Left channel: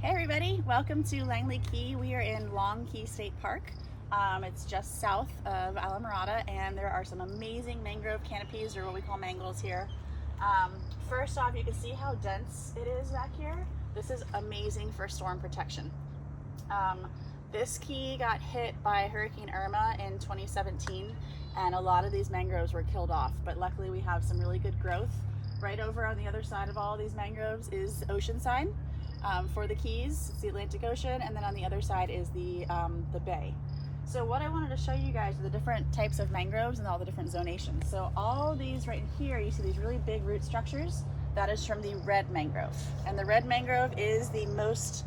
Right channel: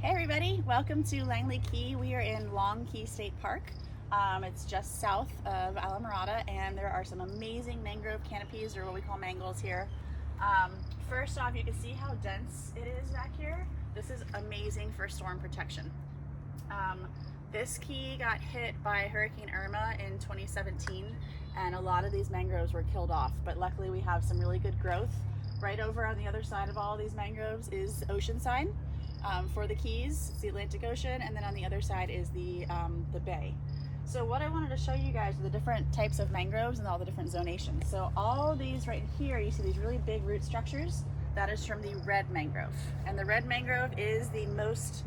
Hey everybody, welcome to Langley Key. We are in Long Key State Park. It's just south of Alamorada, and there are some amazing mangrove canopies, or what we call mangles here. First off, you can see how dense it is back here. This is amazing for storm protection. This key got hit by Hurricane Irma in 2017, and a lot of these mangroves were killed off, but luckily we have some really good growth. Right over on the other side of all of these mangroves is Oceanside. For the keys, it's the Atlantic Ocean, and then on the other side is the bay. So what I wanted to show you guys are the different types of mangroves and all the different zonations. So all these right here, you see these really big root structures. That is from the red mangrove, and the red mangrove is the most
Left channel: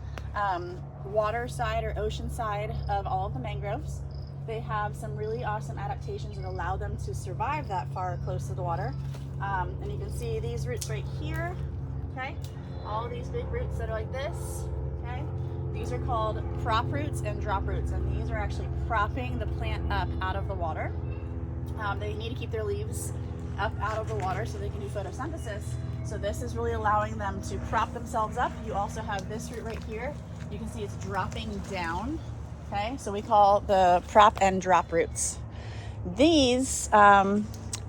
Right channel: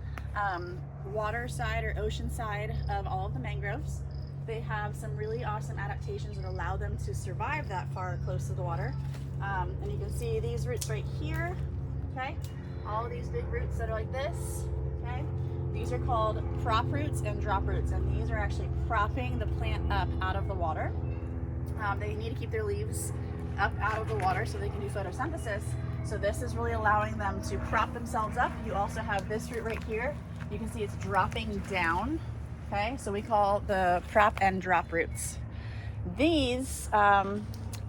water side or ocean side of all of the mangroves. They have some really awesome adaptations that allow them to survive that far close to the water. And you can see these roots right here, okay? All of these big roots that are like this, okay? These are called prop roots and drop roots, and these are actually propping the plant up out of the water. They need to keep their leaves up out of the water so they can do photosynthesis. So this is really allowing them to prop themselves up. You also have this root right here. You can see it's dropping down, okay? So we call the prop and drop roots. These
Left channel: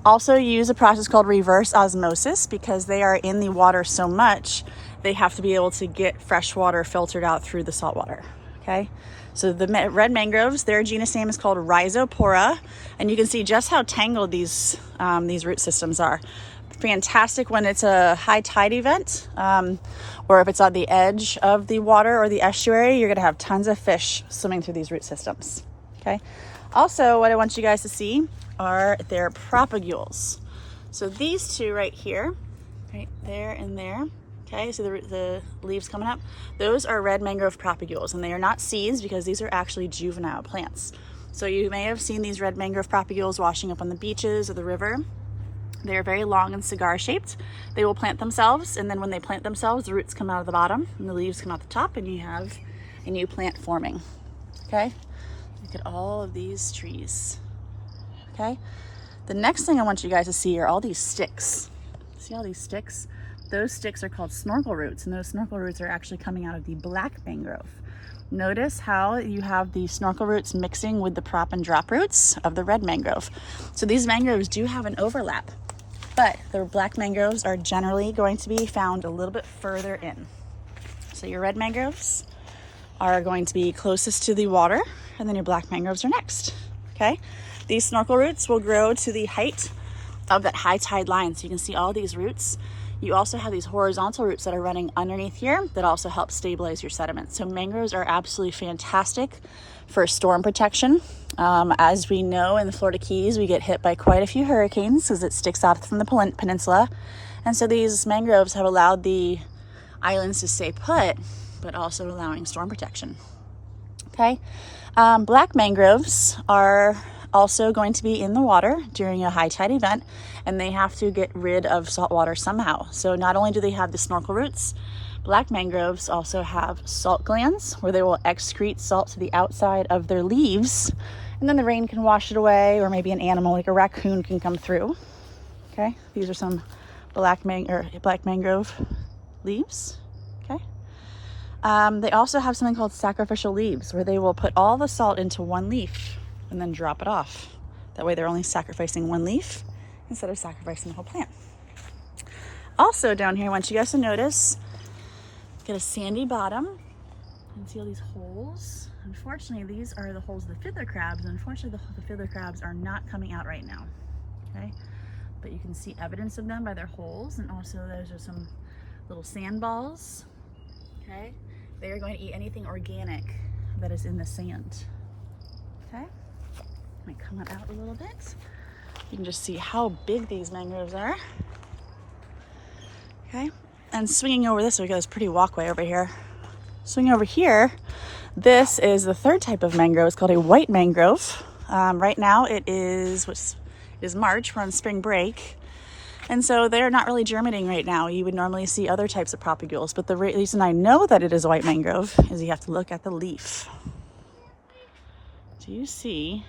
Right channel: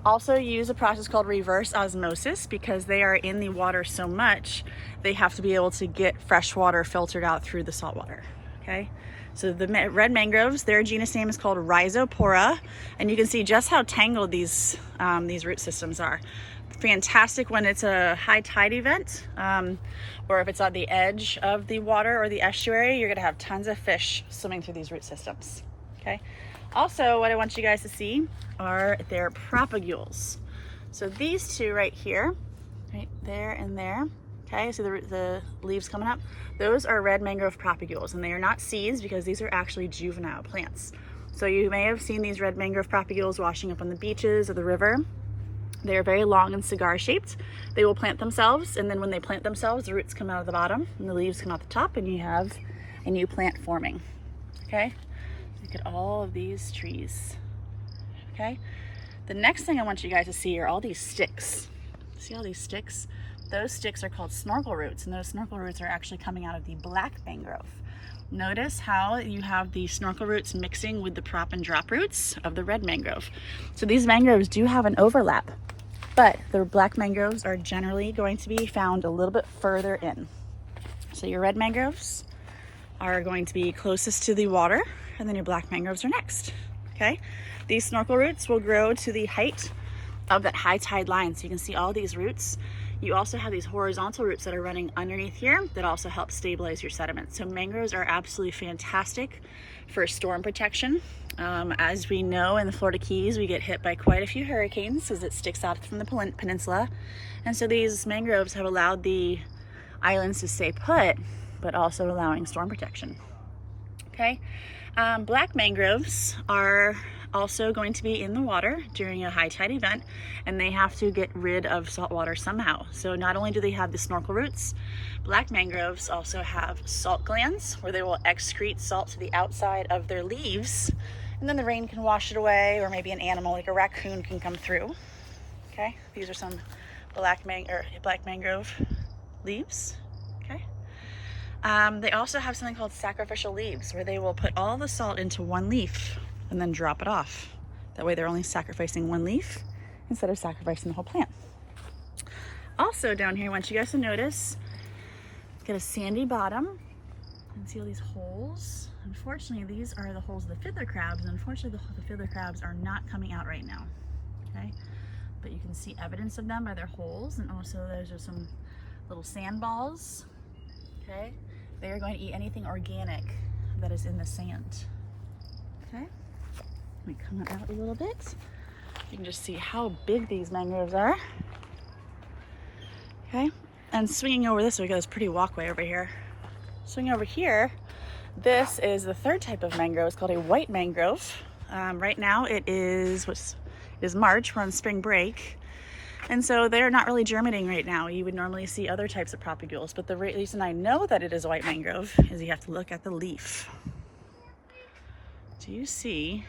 also use a process called reverse osmosis because they are in the water so much, they have to be able to get fresh water filtered out through the salt water, okay? So the red mangroves, their genus name is called Rhizopora, and you can see just how tangled these root systems are. Fantastic when it's a high tide event, or if it's on the edge of the water or the estuary, you're gonna have tons of fish swimming through these root systems, okay? Also, what I want you guys to see are their propagules. So these two right here, right there and there, okay, so the leaves coming up, those are red mangrove propagules, and they are not seeds because these are actually juvenile plants. So you may have seen these red mangrove propagules washing up on the beaches or the river. They are very long and cigar shaped. They will plant themselves, and then when they plant themselves, the roots come out of the bottom and the leaves come out the top, and you have a new plant forming, okay? Look at all of these trees, okay? The next thing I want you guys to see are all these sticks. See all these sticks? Those sticks are called snorkel roots, and those snorkel roots are actually coming out of the black mangrove. Notice how you have the snorkel roots mixing with the prop and drop roots of the red mangrove. So these mangroves do have an overlap, but the black mangroves are generally going to be found a little bit further in. So your red mangroves are going to be closest to the water, and then your black mangroves are next, okay? These snorkel roots will grow to the height of that high tide line. So you can see all these roots. You also have these horizontal roots that are running underneath here that also help stabilize your sediment. So mangroves are absolutely fantastic for storm protection. As we know, in the Florida Keys, we get hit by quite a few hurricanes because it sticks out from the peninsula. And so these mangroves have allowed the islands to stay put, but also allowing storm protection, okay? Black mangroves are also going to be in the water during a high tide event, and they have to get rid of salt water somehow. So not only do they have the snorkel roots, black mangroves also have salt glands where they will excrete salt to the outside of their leaves, and then the rain can wash it away, or maybe an animal like a raccoon can come through, okay? These are some black mangrove leaves, okay? They also have something called sacrificial leaves where they will put all the salt into one leaf and then drop it off. That way they're only sacrificing one leaf instead of sacrificing the whole plant. Also down here, I want you guys to notice, got a sandy bottom, and see all these holes. Unfortunately, these are the holes of the fiddler crabs, and unfortunately the fiddler crabs are not coming out right now, okay? But you can see evidence of them by their holes, and also those are some little sand balls, okay? They are going to eat anything organic that is in the sand, okay? Let me come out a little bit. You can just see how big these mangroves are, okay? And swinging over this way, goes pretty walkway over here. Swinging over here, this is the third type of mangrove. It's called a white mangrove. Right now it is March, we're on spring break. And so they're not really germinating right now. You would normally see other types of propagules, but the reason I know that it is a white mangrove is you have to look at the leaf. Do you see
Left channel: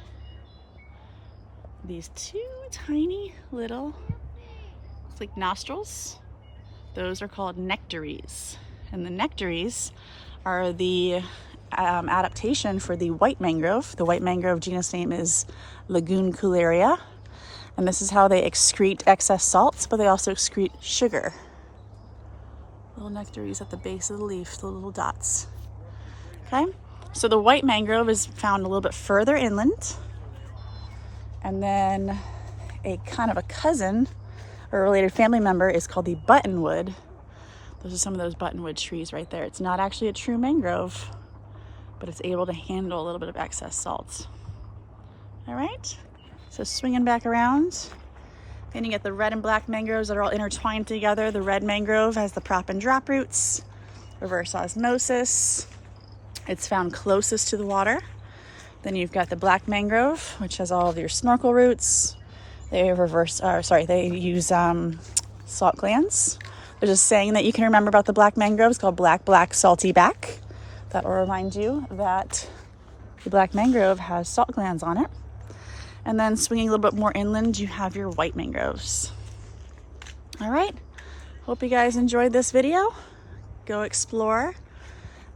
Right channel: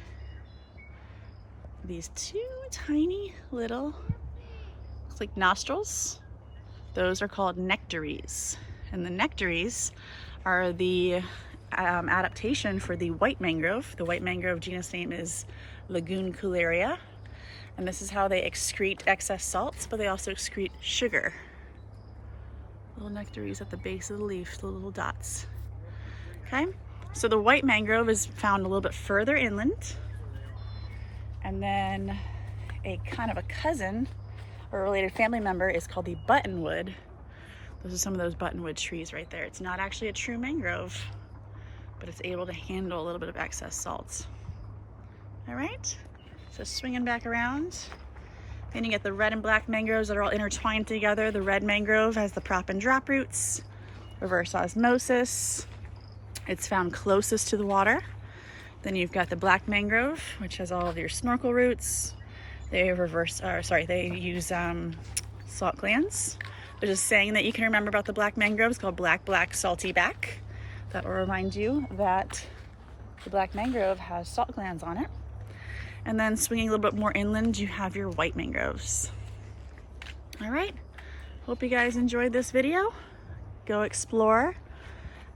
these two tiny little, looks like nostrils? Those are called nectaries. And the nectaries are the adaptation for the white mangrove. The white mangrove genus name is Laguncularia. And this is how they excrete excess salts, but they also excrete sugar. Little nectaries at the base of the leaf, the little dots. Okay, so the white mangrove is found a little bit further inland. And then a kind of a cousin or a related family member is called the buttonwood. Those are some of those buttonwood trees right there. It's not actually a true mangrove, but it's able to handle a little bit of excess salts. All right, so swinging back around. Then you get the red and black mangroves that are all intertwined together. The red mangrove has the prop and drop roots, reverse osmosis. It's found closest to the water. Then you've got the black mangrove, which has all of your snorkel roots. They use salt glands. There's a saying that you can remember about the black mangroves called black, black, salty back. That will remind you that the black mangrove has salt glands on it. And then swinging a little bit more inland, you have your white mangroves. All right, hope you guys enjoyed this video. Go explore.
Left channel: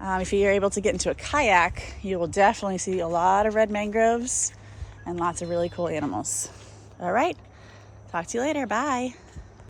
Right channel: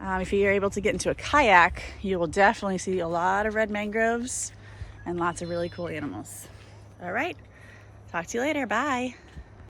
If you're able to get into a kayak, you will definitely see a lot of red mangroves and lots of really cool animals. All right, talk to you later, bye.